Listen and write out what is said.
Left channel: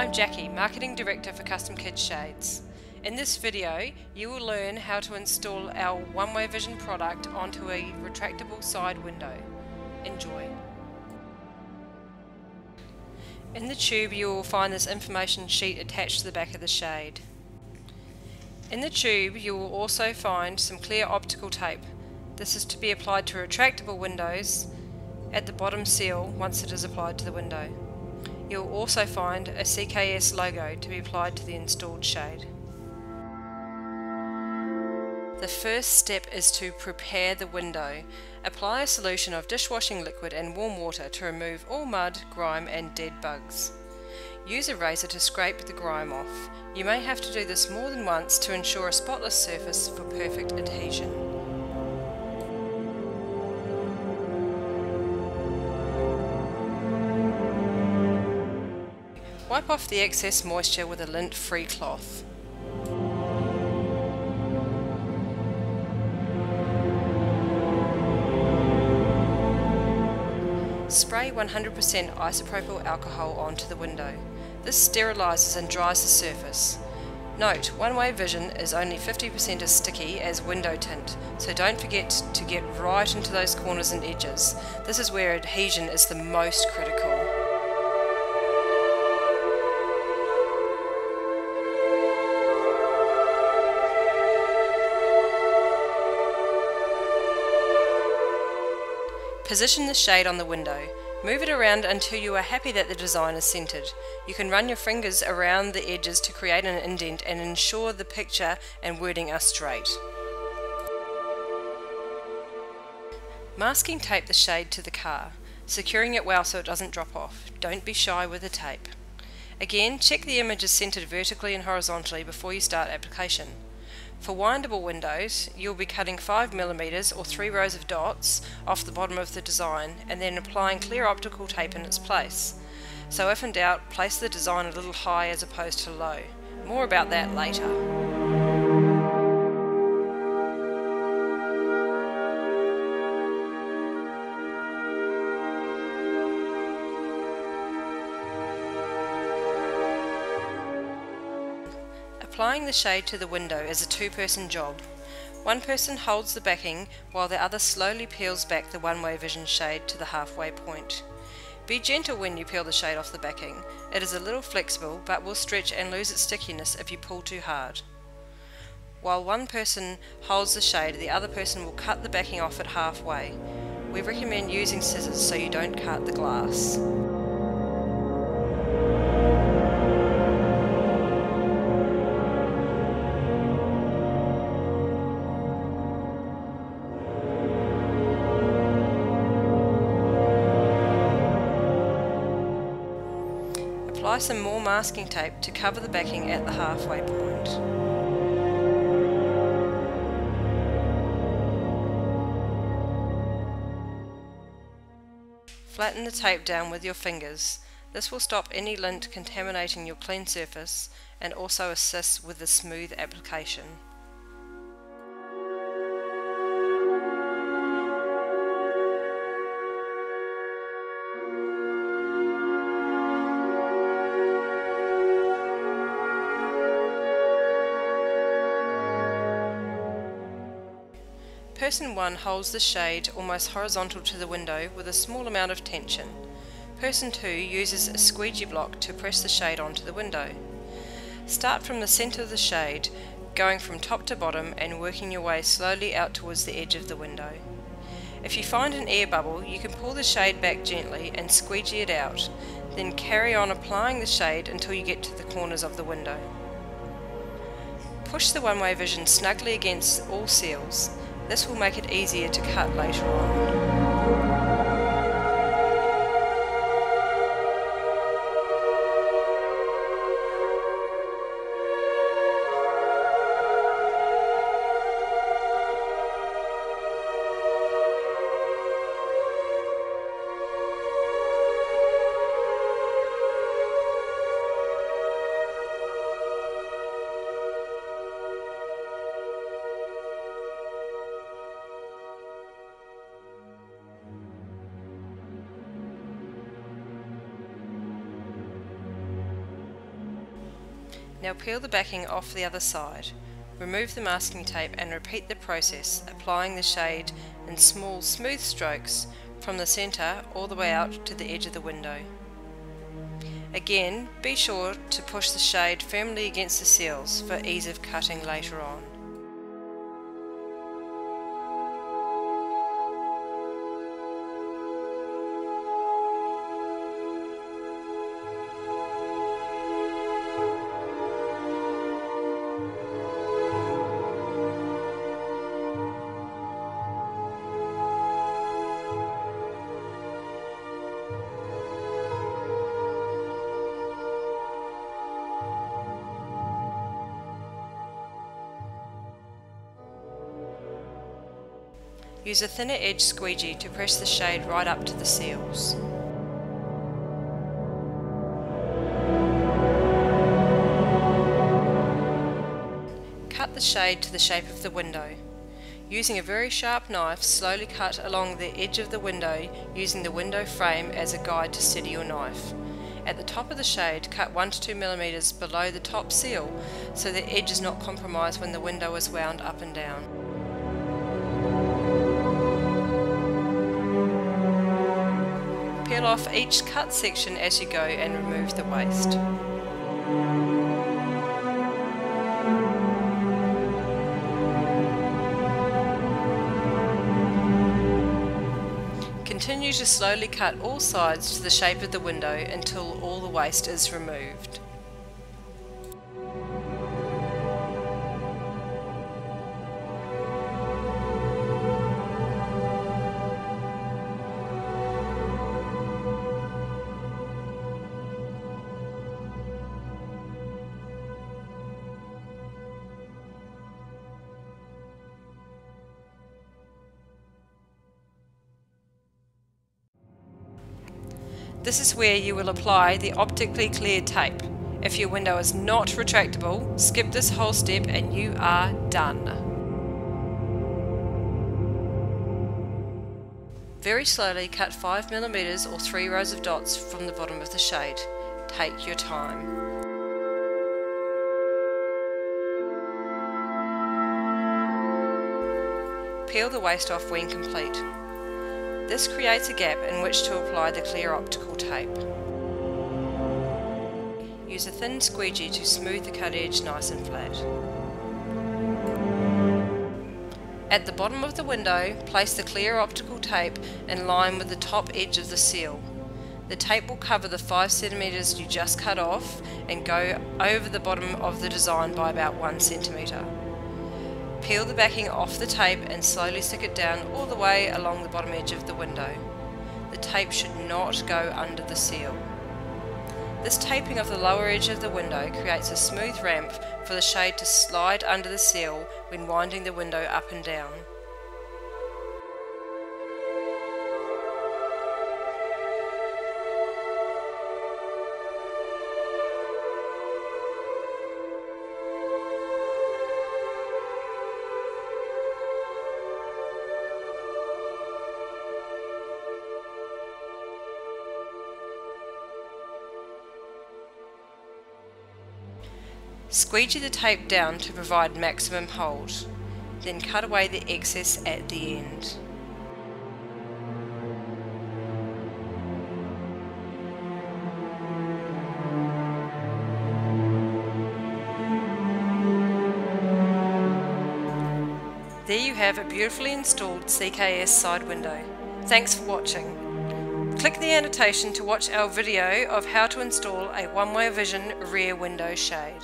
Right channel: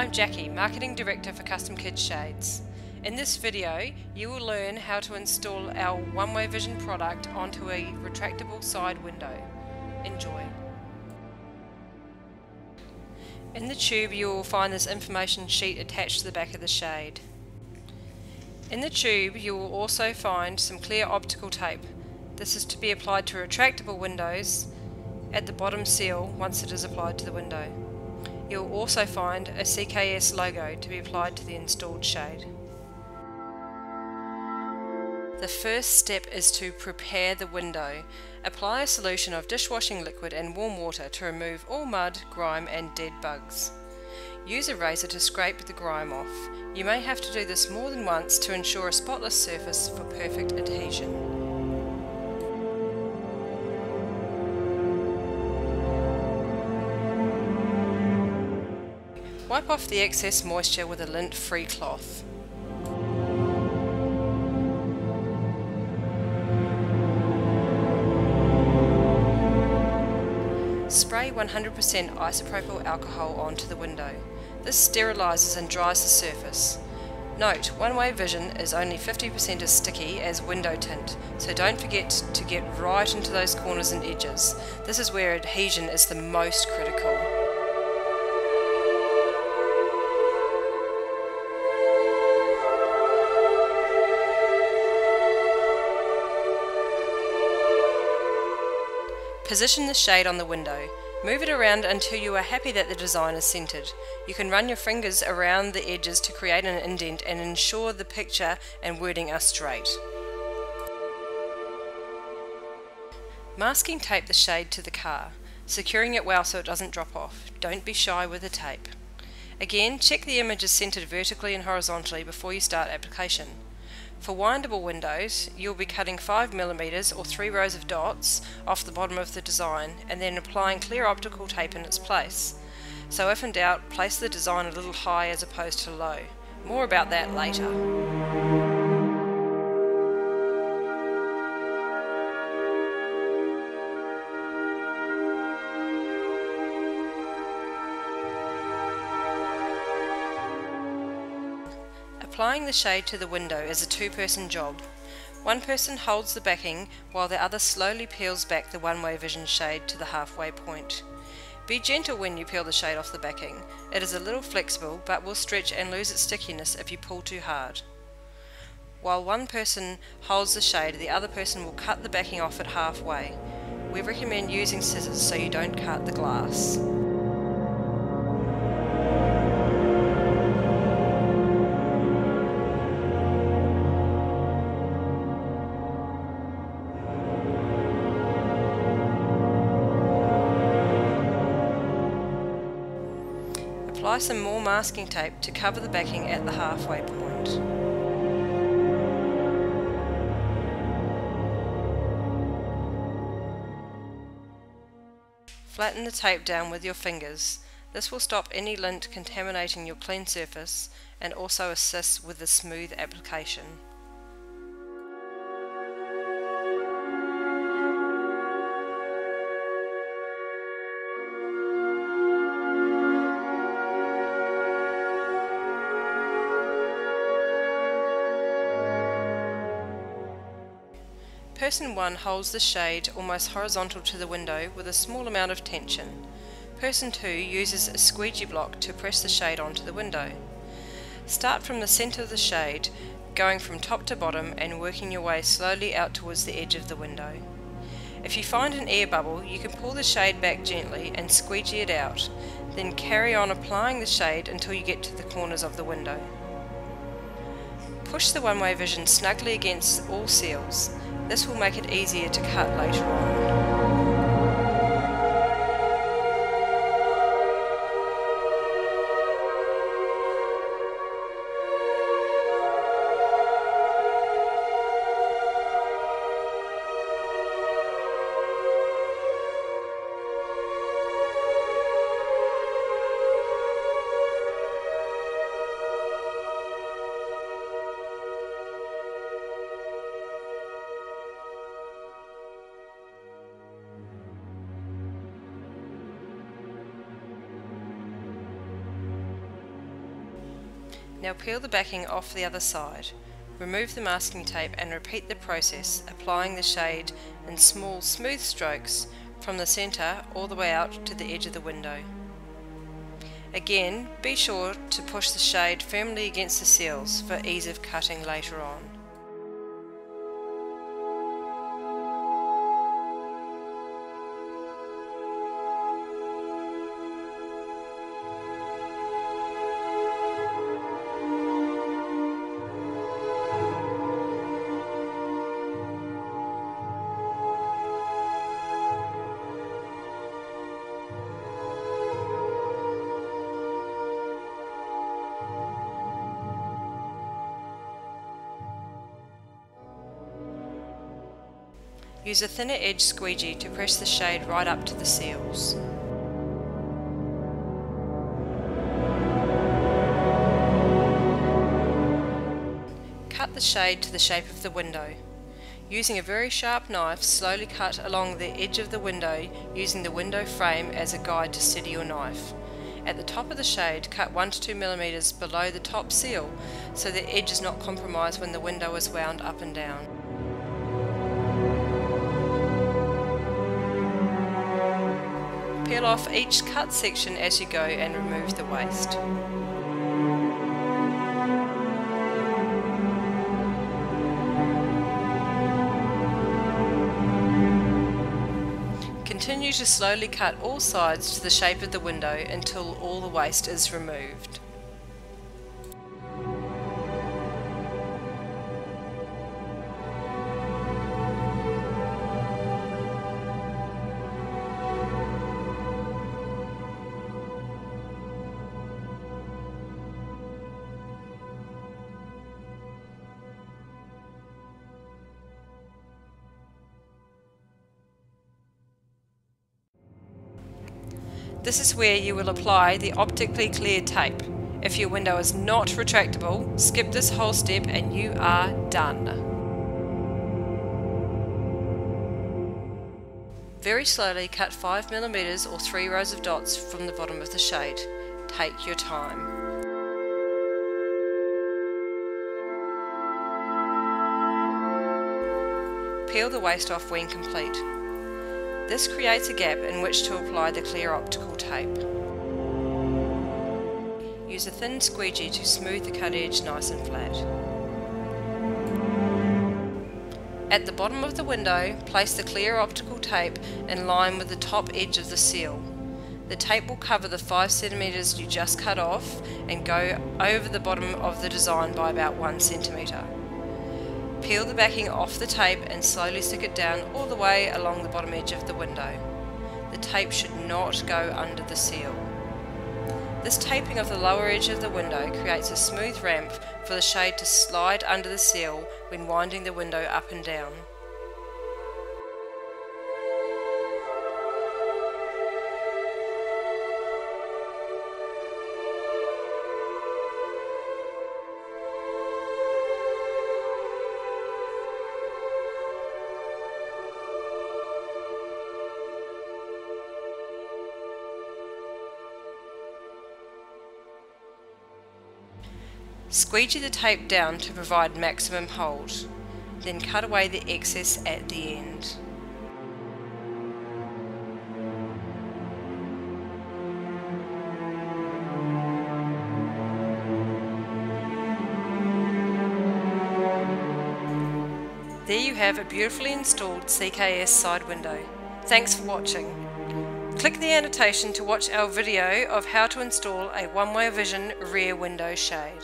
I'm Jackie, Marketing Director for Custom Kids Shades. In this video, you will learn how to install our one-way vision product onto a retractable side window. Enjoy. In the tube you will find this information sheet attached to the back of the shade. In the tube you will also find some clear optical tape. This is to be applied to retractable windows at the bottom seal once it is applied to the window. You will also find a CKS logo to be applied to the installed shade. The first step is to prepare the window. Apply a solution of dishwashing liquid and warm water to remove all mud, grime and dead bugs. Use a razor to scrape the grime off. You may have to do this more than once to ensure a spotless surface for perfect adhesion. Wipe off the excess moisture with a lint-free cloth. Spray 100% isopropyl alcohol onto the window. This sterilises and dries the surface. Note, one-way vision is only 50% as sticky as window tint, so don't forget to get right into those corners and edges. This is where adhesion is the most critical. Position the shade on the window. Move it around until you are happy that the design is centered. You can run your fingers around the edges to create an indent and ensure the picture and wording are straight. Masking tape the shade to the car, securing it well so it doesn't drop off. Don't be shy with the tape. Again, check the image is centered vertically and horizontally before you start application. For windable windows, you'll be cutting 5mm or 3 rows of dots off the bottom of the design and then applying clear optical tape in its place. So if in doubt, place the design a little high as opposed to low. More about that later. Applying the shade to the window is a two-person job. One person holds the backing while the other slowly peels back the one-way vision shade to the halfway point. Be gentle when you peel the shade off the backing. It is a little flexible but will stretch and lose its stickiness if you pull too hard. While one person holds the shade, the other person will cut the backing off at halfway. We recommend using scissors so you don't cut the glass. Apply some more masking tape to cover the backing at the halfway point. Flatten the tape down with your fingers. This will stop any lint contaminating your clean surface and also assist with the smooth application. Person 1 holds the shade almost horizontal to the window with a small amount of tension. Person 2 uses a squeegee block to press the shade onto the window. Start from the centre of the shade, going from top to bottom and working your way slowly out towards the edge of the window. If you find an air bubble, you can pull the shade back gently and squeegee it out, then carry on applying the shade until you get to the corners of the window. Push the one-way vision snugly against all seals. This will make it easier to cut later on. Now peel the backing off the other side. Remove the masking tape and repeat the process, applying the shade in small, smooth strokes from the centre all the way out to the edge of the window. Again, be sure to push the shade firmly against the seals for ease of cutting later on. Use a thinner edge squeegee to press the shade right up to the seals. Cut the shade to the shape of the window. Using a very sharp knife, slowly cut along the edge of the window, using the window frame as a guide to steady your knife. At the top of the shade, cut 1 to 2 mm below the top seal so the edge is not compromised when the window is wound up and down. Peel off each cut section as you go and remove the waste. Continue to slowly cut all sides to the shape of the window until all the waste is removed. This is where you will apply the optically clear tape. If your window is not retractable, skip this whole step and you are done. Very slowly cut 5 mm or 3 rows of dots from the bottom of the shade. Take your time. Peel the waste off when complete. This creates a gap in which to apply the clear optical tape. Use a thin squeegee to smooth the cut edge nice and flat. At the bottom of the window, place the clear optical tape in line with the top edge of the seal. The tape will cover the 5 cm you just cut off and go over the bottom of the design by about 1 cm. Peel the backing off the tape and slowly stick it down all the way along the bottom edge of the window. The tape should not go under the seal. This taping of the lower edge of the window creates a smooth ramp for the shade to slide under the seal when winding the window up and down. Squeegee the tape down to provide maximum hold, then cut away the excess at the end. There you have a beautifully installed CKS side window. Thanks for watching. Click the annotation to watch our video of how to install a one-way vision rear window shade.